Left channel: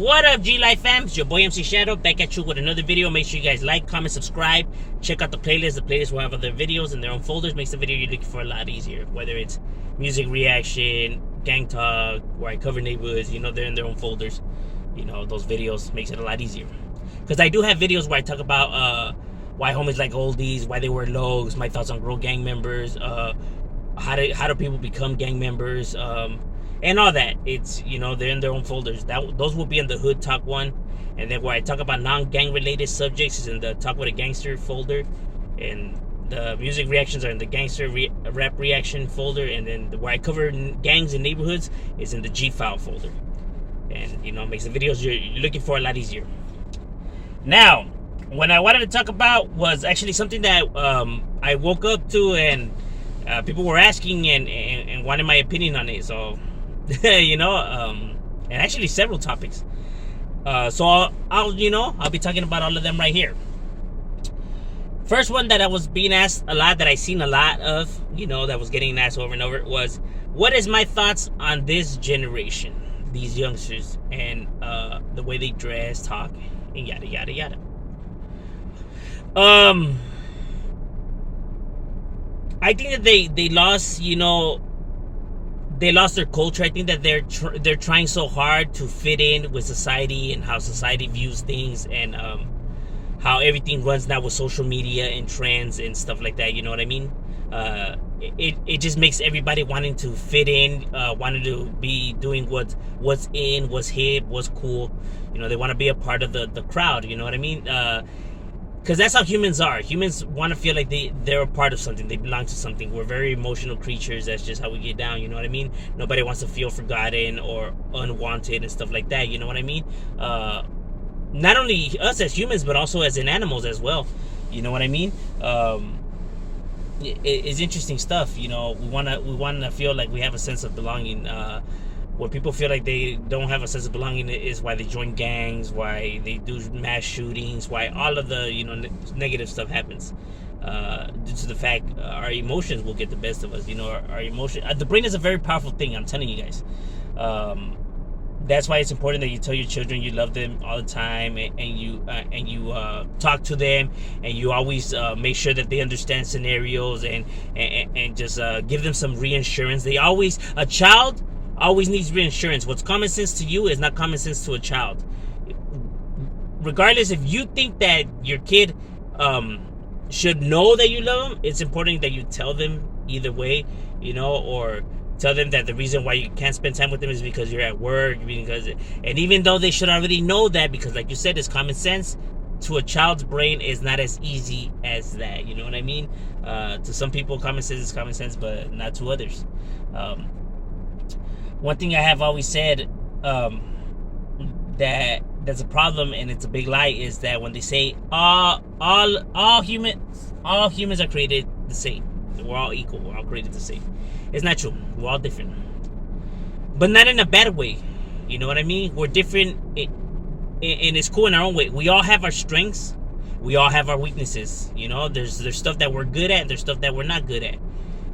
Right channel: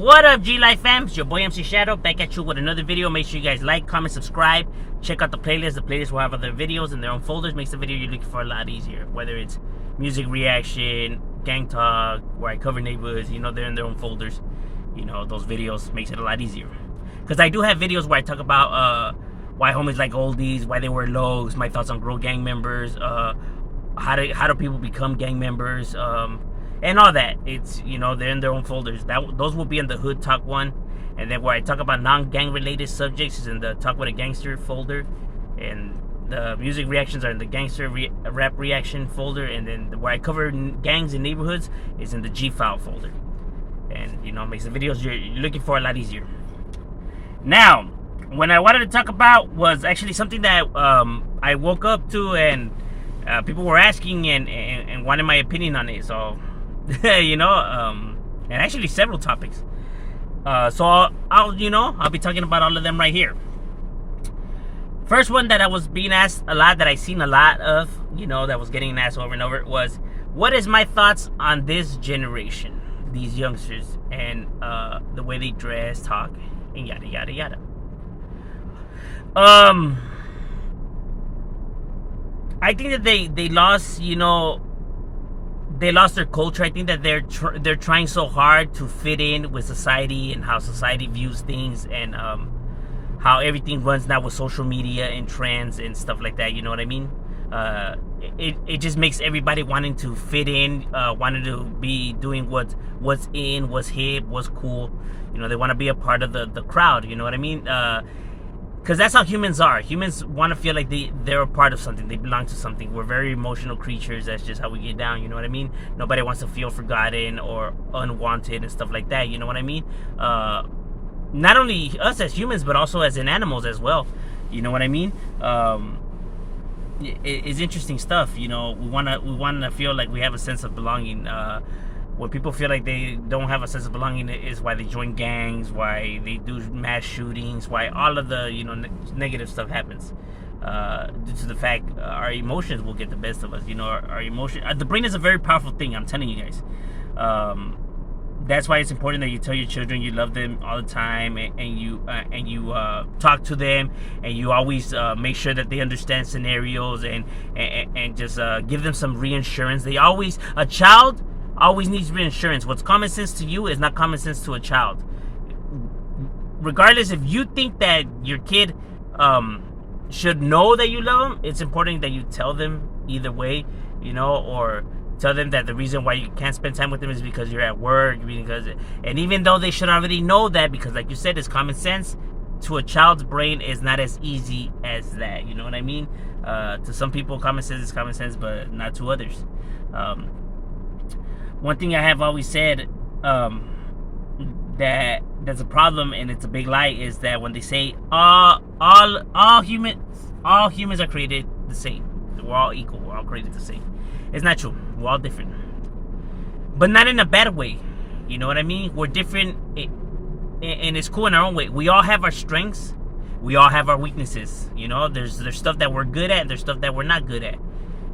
What up, G-Life fam? It's your boy MC Shadow back at you with another video. Make sure you guys like, comment, subscribe. Check out the playlist. The playlist will have other videos in their own folders. Makes the video you're looking for a lot easier. Whether it's music reaction, gang talk, where I cover neighborhoods, they're in their own folders. Those videos makes it a lot easier. Because I do have videos where I talk about why homies like oldies, why they wear lows, my thoughts on girl gang members, how do people become gang members, and all that. It's they're in their own folders. Those will be in the Hood Talk one, and then where I talk about non-gang related subjects is in the Talk with a Gangster folder, and the music reactions are in the Gangster Rap Reaction folder, and then where I cover gangs and neighborhoods is in the G-File folder. And makes the videos you're looking for a lot easier. Now, what I wanted to talk about was actually something that I woke up to, and people were asking and wanted my opinion on it. So, and actually several topics. So I'll be talking about all of them right here. First one that I was being asked a lot, that I seen a lot of, that was getting asked over and over, was what is my thoughts on this generation, these youngsters, and the way they dress, talk, and yada yada yada. I think that they lost, they lost their culture. I think that they're trying so hard to fit in with society and how society views things, and how everything runs now with social media and trends and stuff like that. You know what I mean? It just makes everybody wanting to fit in, wanting to be doing what's in, what's hip, what's cool. They want to be a part of the crowd. You know what I mean? Because that's how humans are. Humans want to feel like they're a part of something. They belong to something. We're very emotional creatures. That's just how we get down. You know what I mean? Nobody wants to feel forgotten or unwanted and stuff like that. You know what I mean? Not only us as humans, but also as in animals as well. You know what I mean? It's interesting stuff. We wanna feel like we have a sense of belonging. When people feel like they don't have a sense of belonging, is why they join gangs, why they do mass shootings, why all of the negative stuff happens. Due to the fact our emotions will get the best of us. Our emotion. The brain is a very powerful thing. I'm telling you guys. That's why it's important that you tell your children you love them all the time, and you talk to them, and you always make sure that they understand scenarios, and just give them some reassurance. A child always needs reassurance. What's common sense to you is not common sense to a child. Regardless if you think that your kid should know that you love them, it's important that you tell them either way, or tell them that the reason why you can't spend time with them is because you're at work, and even though they should already know that, because like you said, it's common sense, to a child's brain is not as easy as that. You know what I mean? To some people, common sense is common sense, but not to others. One thing I have always said that's a problem, and it's a big lie, is that when they say all humans are created the same, we're all equal, we're all created the same. It's not true. We're all different, but not in a bad way. You know what I mean? We're different, and it's cool in our own way. We all have our strengths. We all have our weaknesses. There's stuff that we're good at, and there's stuff that we're not good at.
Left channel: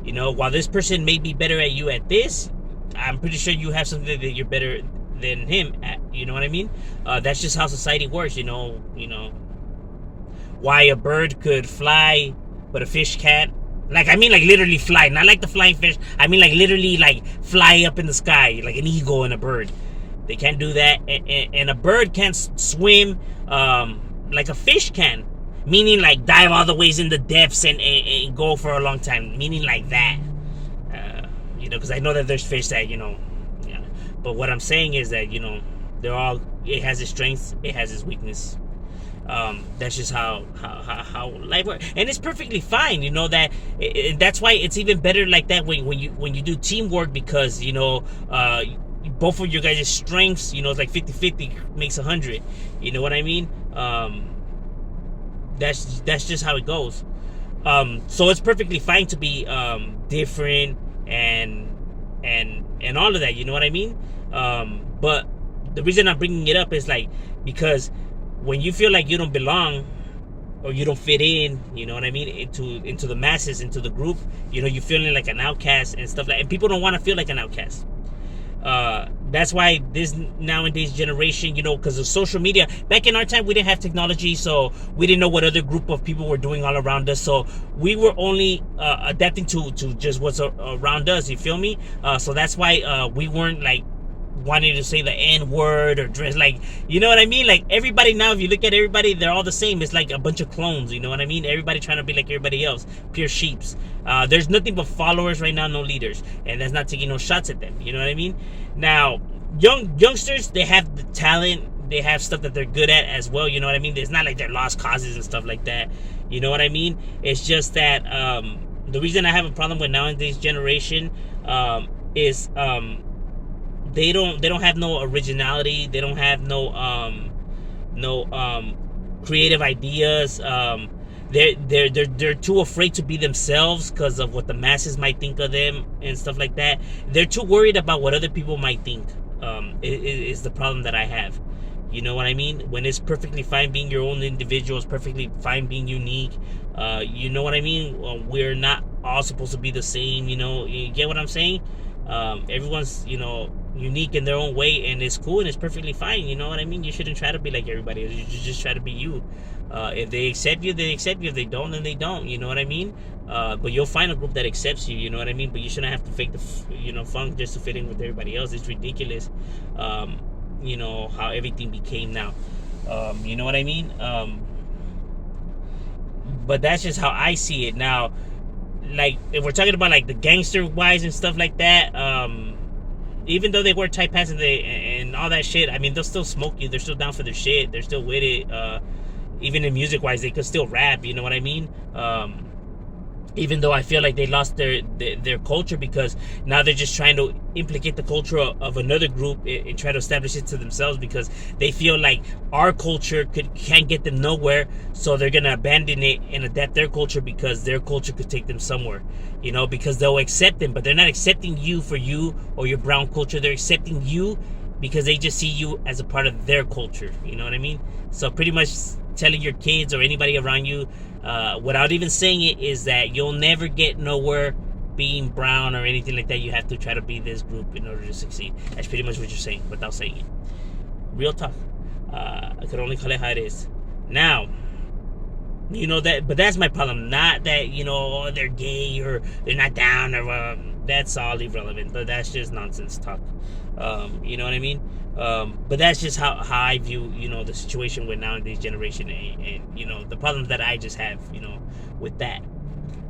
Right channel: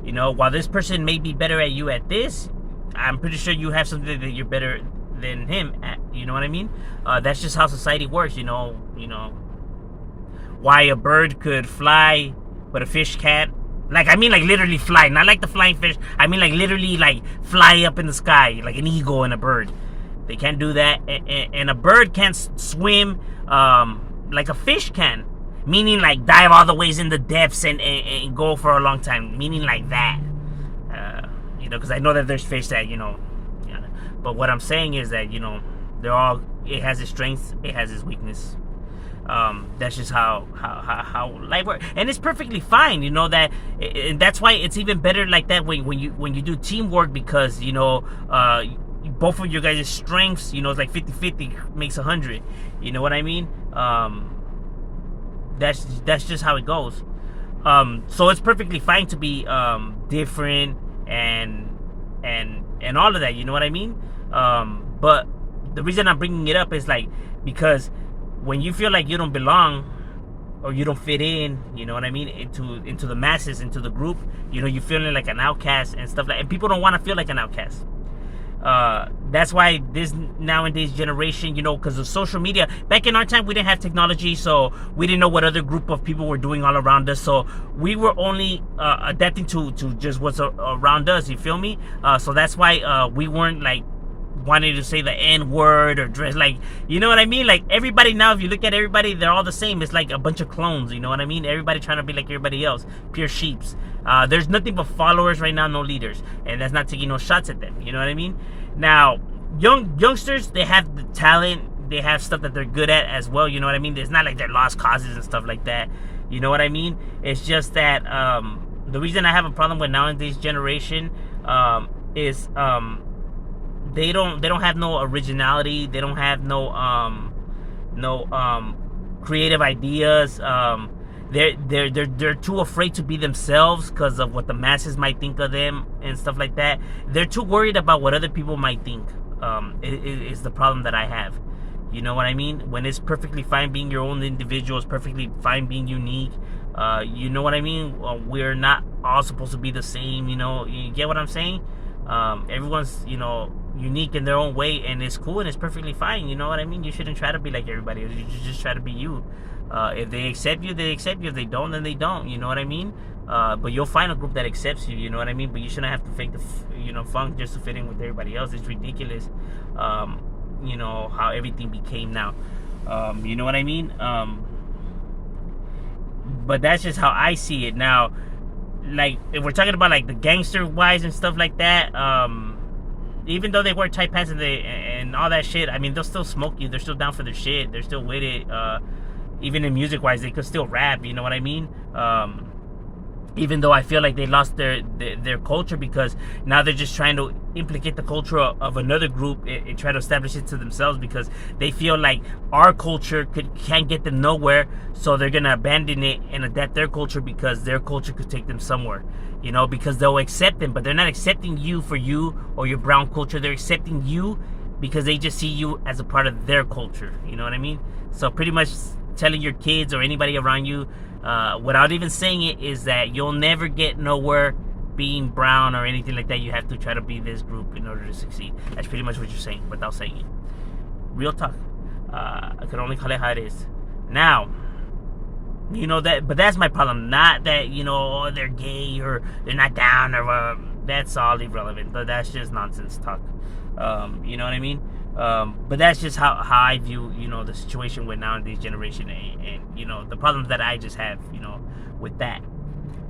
While this person may be better at you at this, I'm pretty sure you have something that you're better than him at. You know what I mean? That's just how society works. Why a bird could fly, but a fish can't. Like literally fly, not like the flying fish. I mean, like literally, like fly up in the sky, like an eagle and a bird. They can't do that, and a bird can't swim like a fish can. Meaning, like dive all the ways in the depths and go for a long time. Meaning, like that. Because I know that there's fish that But what I'm saying is that they're all. It has its strengths. It has its weakness. That's just how life works, and it's perfectly fine. That, and that's why it's even better like that when you do teamwork, because both of your guys' strengths, it's like 50-50 makes 100. You know what I mean? That's just how it goes. So it's perfectly fine to be different and all of that. You know what I mean? But the reason I'm bringing it up is because when you feel like you don't belong or you don't fit in, you know what I mean, into the masses, into the group, you're feeling like an outcast and stuff and people don't want to feel like an outcast. That's why this nowadays generation, because of social media. Back in our time, we didn't have technology, so we didn't know what other group of people were doing all around us. So we were only adapting to just what's around us. You feel me? So that's why we weren't like wanting to say the N word or dress like, you know what I mean? Like everybody now, if you look at everybody, they're all the same. It's like a bunch of clones, you know what I mean? Everybody trying to be like everybody else, pure sheeps. There's nothing but followers right now, no leaders, and that's not taking no shots at them. You know what I mean? Now, youngsters, they have the talent, they have stuff that they're good at as well. You know what I mean? It's not like they're lost causes and stuff like that. You know what I mean? It's just that the reason I have a problem with nowadays generation is they don't have no originality. They don't have no creative ideas. They're too afraid to be themselves because of what the masses might think of them and stuff like that. They're too worried about what other people might think. Is the problem that I have. You know what I mean? When it's perfectly fine being your own individual, it's perfectly fine being unique. You know what I mean? We're not all supposed to be the same. You get what I'm saying? Everyone's unique in their own way, and it's cool and it's perfectly fine. You know what I mean? You shouldn't try to be like everybody else. You just try to be you. If they accept you, they accept you. If they don't, then they don't. You know what I mean? But you'll find a group that accepts you. You know what I mean? But you shouldn't have to fake the funk just to fit in with everybody else. It's ridiculous. How everything became now. You know what I mean? But that's just how I see it now. Like if we're talking about like the gangster wise and stuff like that, even though they wear tight pants and all that shit, I mean they'll still smoke you. They're still down for their shit. They're still with it. Even in music wise, they could still rap. You know what I mean? Even though I feel like they lost their culture, because now they're just trying to implicate the culture of another group and try to establish it to themselves, because they feel like our culture can't get them nowhere, so they're gonna abandon it and adapt their culture because their culture could take them somewhere. Because they'll accept them, but they're not accepting you for you or your brown culture. They're accepting you because they just see you as a part of their culture. You know what I mean? So pretty much telling your kids or anybody around you, without even saying it, is that you'll never get nowhere being brown or anything like that. You have to try to be this group in order to succeed. That's pretty much what you're saying without saying it. Real talk. I could only call it how it is. Now, but that's my problem. Not that, they're gay or they're not down or that's all irrelevant. But that's just nonsense talk. You know what I mean? But that's just how I view, the situation with nowadays generation and the problems that I just have, with that.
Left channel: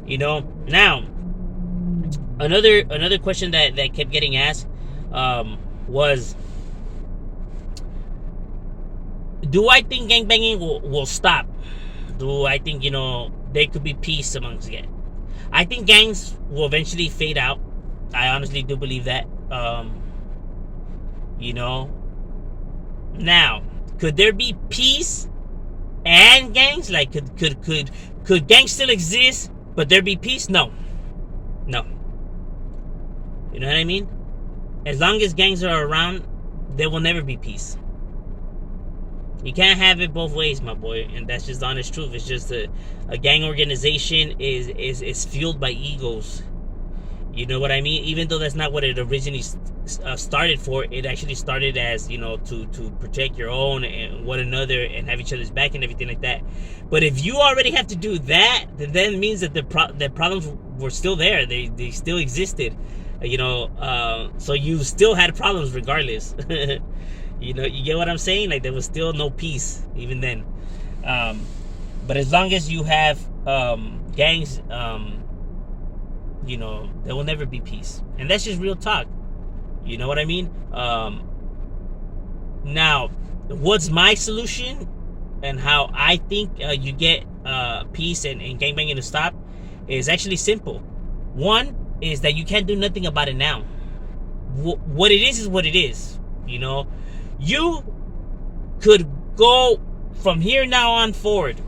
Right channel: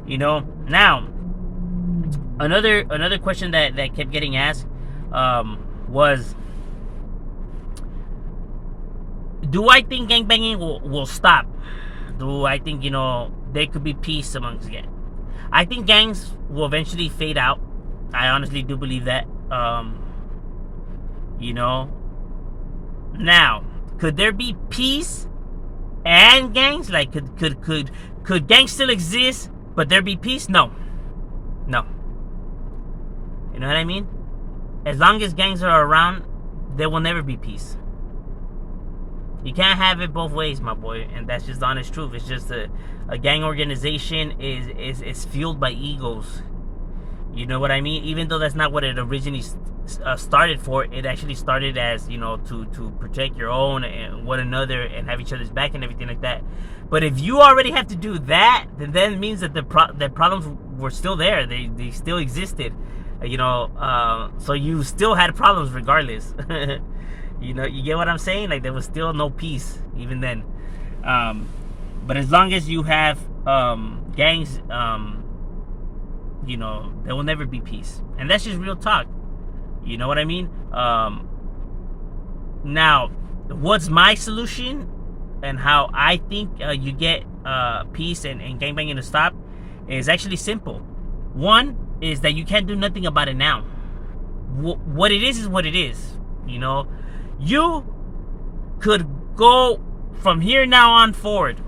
Now, another question that kept getting asked was, do I think gangbanging will stop? Do I think, there could be peace amongst gangs? I think gangs will eventually fade out. I honestly do believe that. Now, could there be peace and gangs? Like, could gangs still exist, but there be peace? No. You know what I mean? As long as gangs are around, there will never be peace. You can't have it both ways, my boy, and that's just the honest truth. It's just a gang organization is fueled by egos. You know what I mean? Even though that's not what it originally started for, it actually started as, to protect your own and one another and have each other's back and everything like that. But if you already have to do that, then that means that the problems were still there. They still existed, so you still had problems regardless. You get what I'm saying? Like, there was still no peace even then. But as long as you have gangs, there will never be peace. And that's just real talk. You know what I mean? Now, what's my solution and how I think you get peace and gangbanging to stop is actually simple. One is that you can't do nothing about it now. What it is what it is. You could go from here now on forward,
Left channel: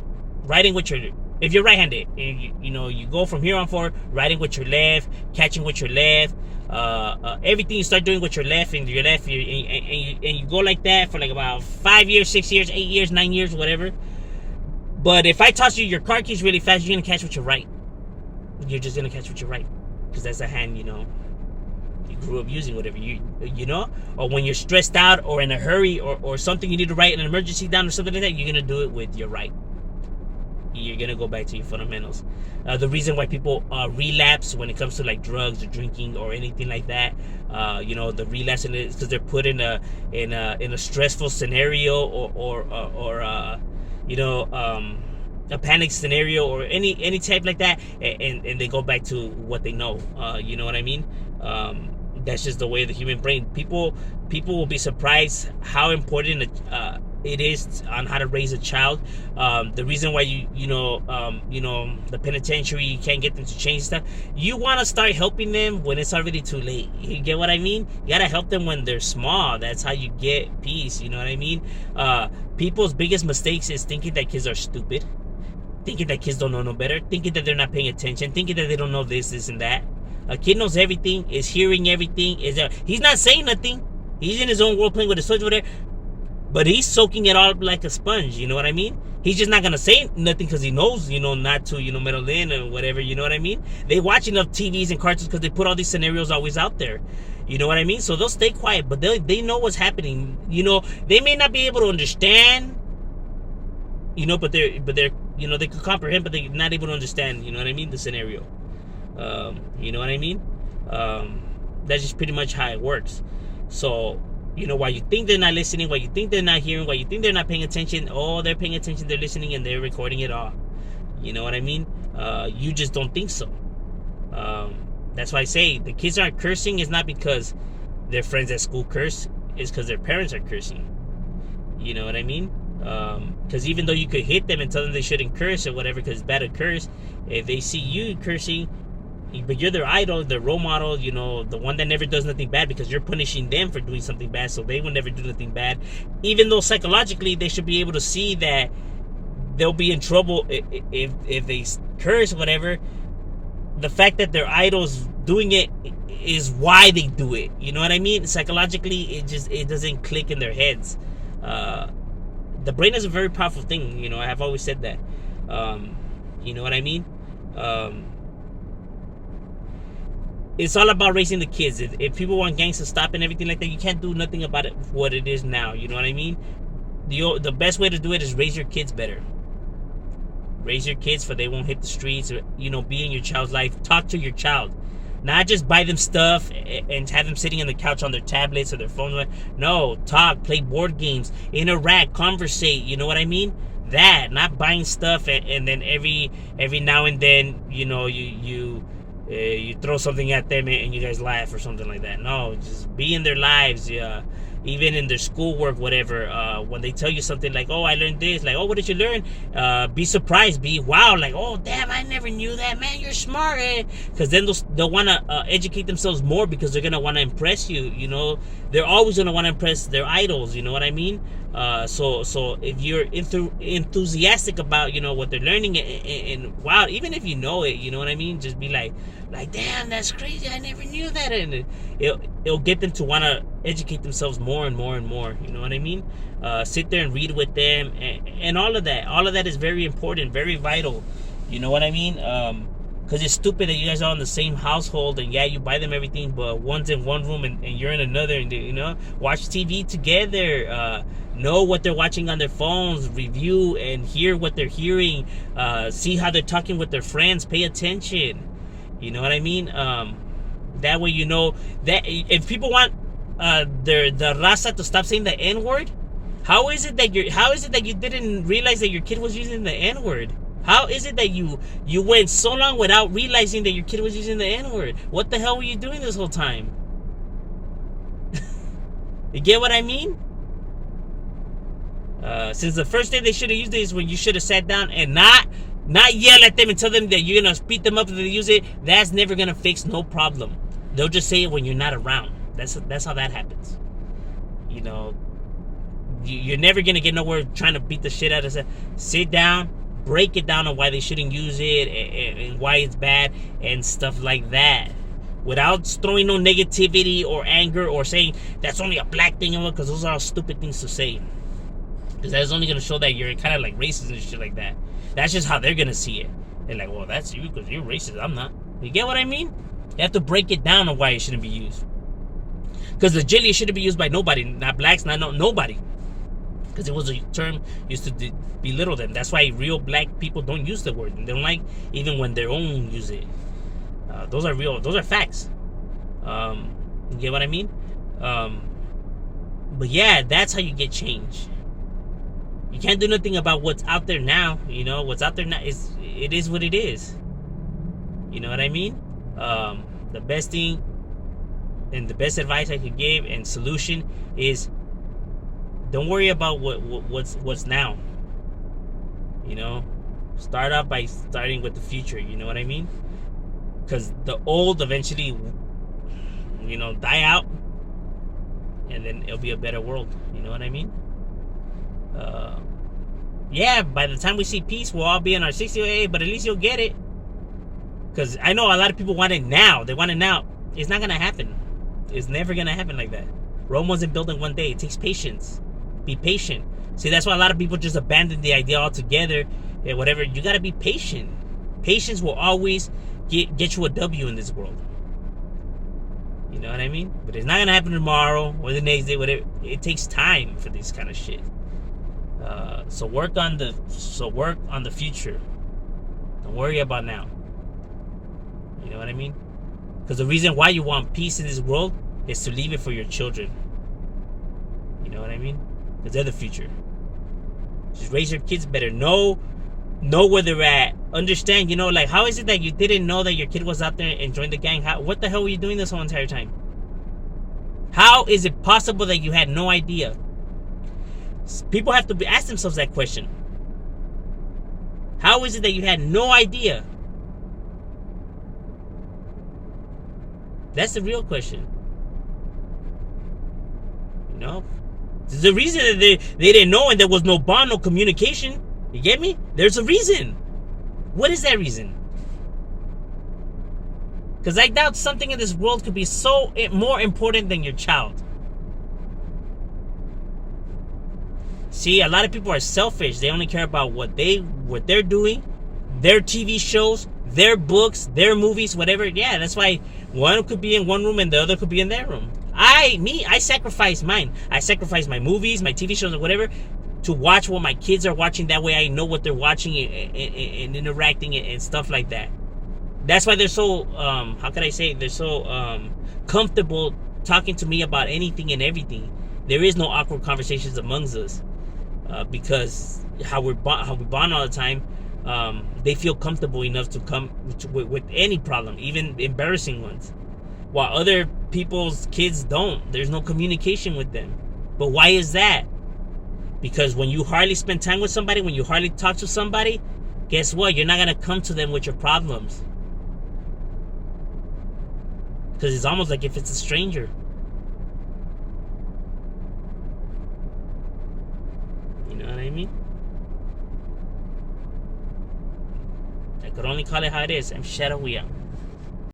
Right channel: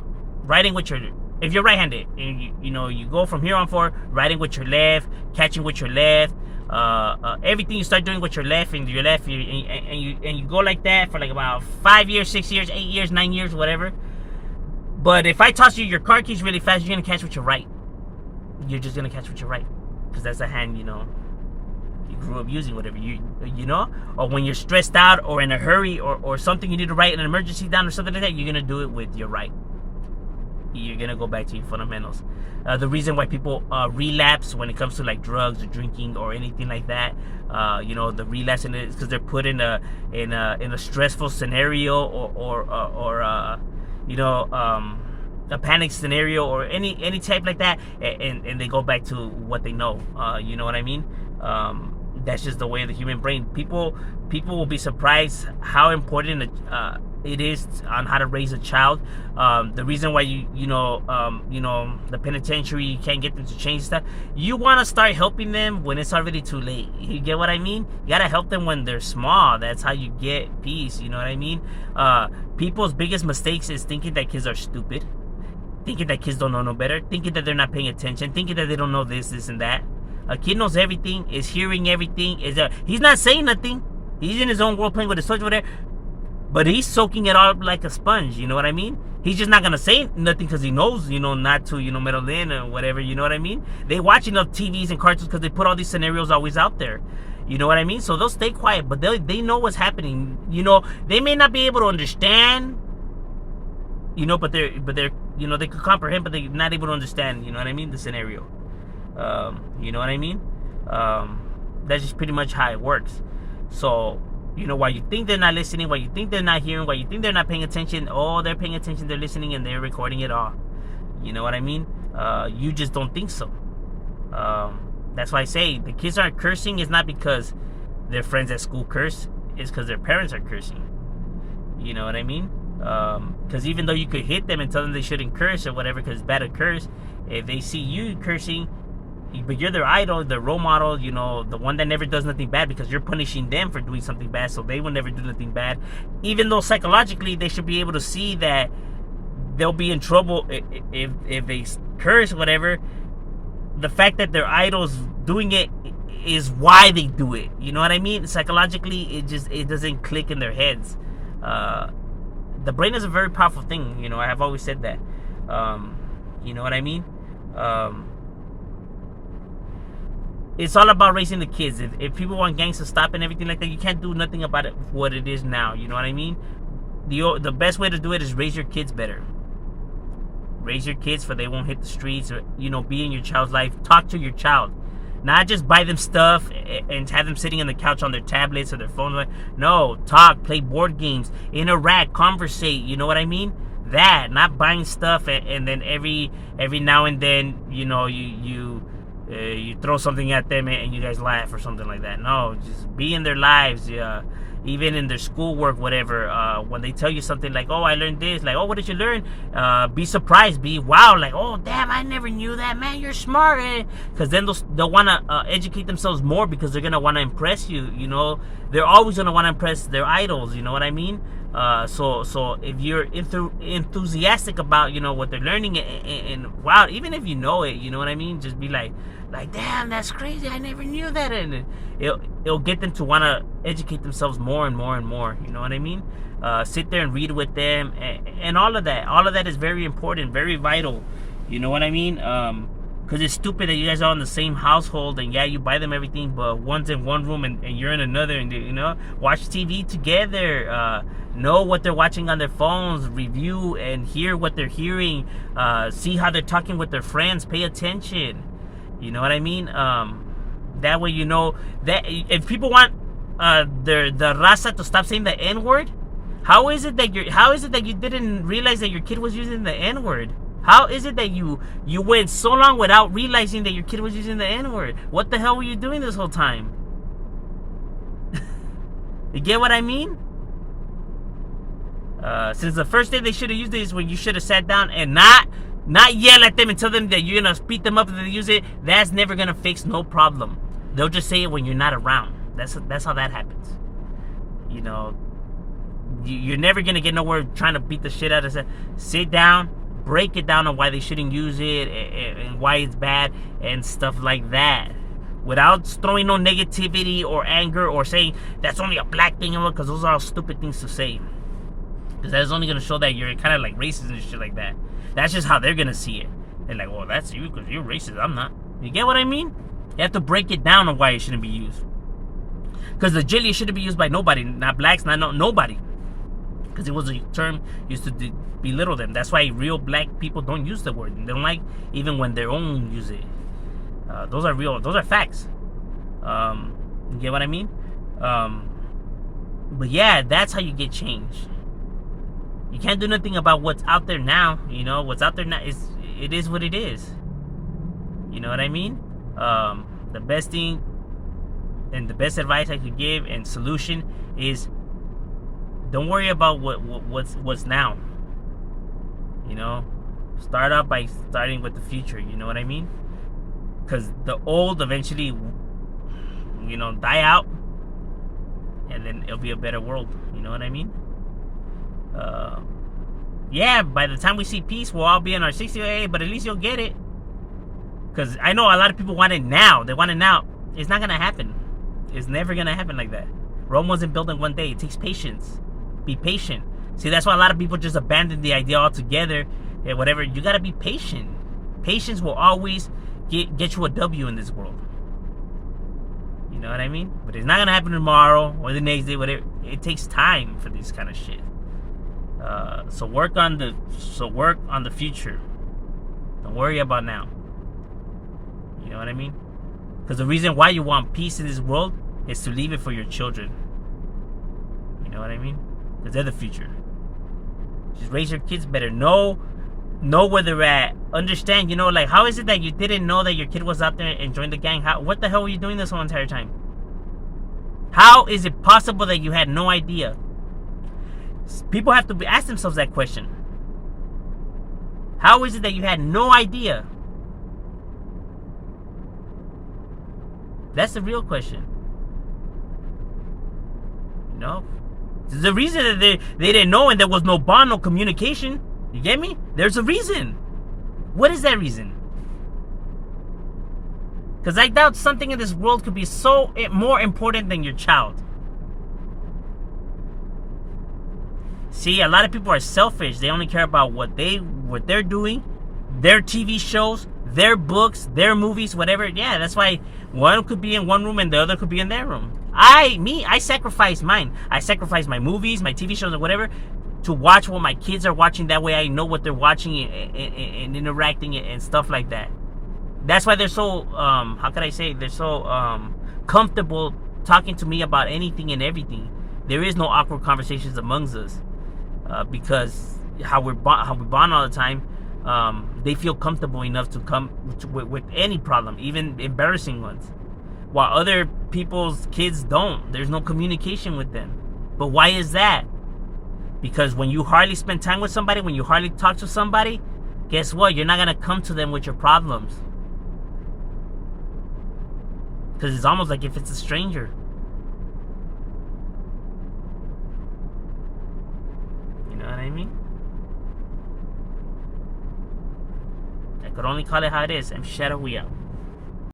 riding with your, if you're right-handed, and you go from here on forward, riding with your left, catching with your left, everything you start doing with your left and your left, and you go like that for like about 5 years, 6 years, 8 years, 9 years, whatever. But if I toss you your car keys really fast, you're gonna catch with your right. You're just gonna catch with your right, because that's the hand, you grew up using whatever you know, or when you're stressed out or in a hurry or something you need to write an emergency down or something like that, you're gonna do it with your right. You're gonna go back to your fundamentals. The reason why people relapse when it comes to like drugs or drinking or anything like that, you know, the relapse is because they're put in a stressful scenario or you know, a panic scenario or any type like that, and they go back to what they know. You know what I mean? That's just the way of the human brain. People will be surprised how important it is on how to raise a child. The reason why you know the penitentiary, you can't get them to change stuff. You want to start helping them when it's already too late. You get what I mean? You gotta help them when they're small. That's how you get peace. You know what I mean? People's biggest mistakes is thinking that kids are stupid, thinking that kids don't know no better, thinking that they're not paying attention, thinking that they don't know this and that. A kid knows everything, is hearing everything, he's not saying nothing. He's in his own world playing with his toys over there, but he's soaking it all up like a sponge, you know what I mean? He's just not gonna say nothing because he knows, you know, not to, you know, meddle in or whatever, you know what I mean? They watch enough TVs and cartoons because they put all these scenarios always out there. You know what I mean? So they'll stay quiet, but they know what's happening. You know, they may not be able to understand, you know, but they're you know, they could comprehend, but they're not able to understand, you know what I mean, the scenario. You know what I mean? That's just pretty much how it works. So, you know, while you think they're not listening, while you think they're not hearing, while you think they're not paying attention, oh, they're paying attention, they're listening, and they're recording it all. You know what I mean? You just don't think so. That's why I say the kids aren't cursing. It's not because their friends at school curse. It's because their parents are cursing. You know what I mean? Because even though you could hit them and tell them they shouldn't curse or whatever because it's bad to curse, if they see you cursing, but you're their idol, their role model, you know, the one that never does nothing bad because you're punishing them for doing something bad, so they will never do nothing bad. Even though psychologically they should be able to see that they'll be in trouble if they curse or whatever. The fact that their idol's doing it is why they do it. You know what I mean? Psychologically, it doesn't click in their heads. The brain is a very powerful thing. You know, I have always said that. You know what I mean? It's all about raising the kids. If people want gangs to stop and everything like that, you can't do nothing about it what it is now. You know what I mean? The best way to do it is raise your kids better. Raise your kids so they won't hit the streets, or, you know, be in your child's life. Talk to your child. Not just buy them stuff and have them sitting on the couch on their tablets or their phones. No, talk, play board games, interact, conversate. You know what I mean? That, not buying stuff and then every now and then, you know, you throw something at them and you guys laugh or something like that. No, just be in their lives. Even in their schoolwork, whatever. When they tell you something like, "Oh, I learned this," like, "Oh, what did you learn?" Be surprised. Be wow, like, "Oh, damn, I never knew that, man. You're smart." Because then they'll want to educate themselves more because they're gonna want to impress you. You know, they're always gonna want to impress their idols. You know what I mean? So if you're enthusiastic about, you know, what they're learning and wow, even if you know it, you know what I mean, just be like, damn, that's crazy, I never knew that. And it'll get them to want to educate themselves more and more and more. You know what I mean? Sit there and read with them and all of that is very important, very vital. You know what I mean? Because it's stupid that you guys are in the same household and yeah, you buy them everything, but one's in one room and you're in another, and you know, watch TV together, know what they're watching on their phones, review and hear what they're hearing, see how they're talking with their friends, pay attention. You know what I mean? That way, you know that if people want the raza to stop saying the N-word, how is it that you didn't realize that your kid was using the N-word? How is it that you went so long without realizing that your kid was using the N-word? What the hell were you doing this whole time? You get what I mean? Since the first day they should have used it is when you should have sat down and not yell at them and tell them that you're gonna beat them up if they use it. That's never gonna fix no problem. They'll just say it when you're not around. That's how that happens. You know, you're never gonna get nowhere trying to beat the shit out of them. Sit down, break it down on why they shouldn't use it and why it's bad and stuff like that, without throwing no negativity or anger or saying that's only a black thing, because those are all stupid things to say. Because that's only gonna show that you're kind of like racist and shit like that. That's just how they're gonna see it. They're like, well, that's you because you're racist, I'm not. You get what I mean? You have to break it down on why it shouldn't be used. Because legitimately it shouldn't be used by nobody, not blacks, not nobody. Because it was a term used to belittle them. That's why real black people don't use the word. They don't like even when their own use it. Those are facts. You get what I mean? But yeah, that's how you get change. You can't do nothing about what's out there now. You know, what's out there now it is what it is. You know what I mean? The best thing and the best advice I could give and solution is don't worry about what's now. You know, start out by starting with the future. You know what I mean? Because the old eventually, you know, die out, and then it'll be a better world. You know what I mean? Yeah, by the time we see peace, we'll all be in our 60s, but at least you'll get it. Because I know a lot of people want it now. They want it now. It's not going to happen. It's never going to happen like that. Rome wasn't built in one day. It takes patience. Be patient. See, that's why a lot of people just abandon the idea altogether. Yeah, whatever. You got to be patient. Patience will always get you a W in this world. You know what I mean? But it's not going to happen tomorrow or the next day. Whatever. It takes time for this kind of shit. So work on the future. Don't worry about now. You know what I mean? Because the reason why you want peace in this world is to leave it for your children. You know what I mean? Because they're the future. Just raise your kids better. Know where they're at. Understand, you know, like, how is it that you didn't know that your kid was out there and joined the gang? What the hell were you doing this whole entire time? How is it possible that you had no idea? People have to ask themselves that question. How is it that you had no idea? That's the real question. You know? There's a reason that they didn't know and there was no bond, no communication. You get me? There's a reason. What is that reason? Because I doubt something in this world could be so more important than your child. See, a lot of people are selfish. They only care about what they're doing, their TV shows, their books, their movies, whatever. Yeah, that's why one could be in one room and the other could be in their room. I sacrifice mine. I sacrifice my movies, my TV shows, or whatever, to watch what my kids are watching. That way I know what they're watching and interacting and stuff like that. That's why they're so, how can I say, they're so comfortable talking to me about anything and everything. There is no awkward conversations amongst us. Because how we bond all the time, they feel comfortable enough to come with any problem, even embarrassing ones, while other people's kids don't. There's no communication with them. But why is that? Because when you hardly spend time with somebody, when you hardly talk to somebody, guess what? You're not gonna come to them with your problems, because it's almost like if it's a stranger. You know what I mean? I could only call it how it is. I'm Shadow. We out.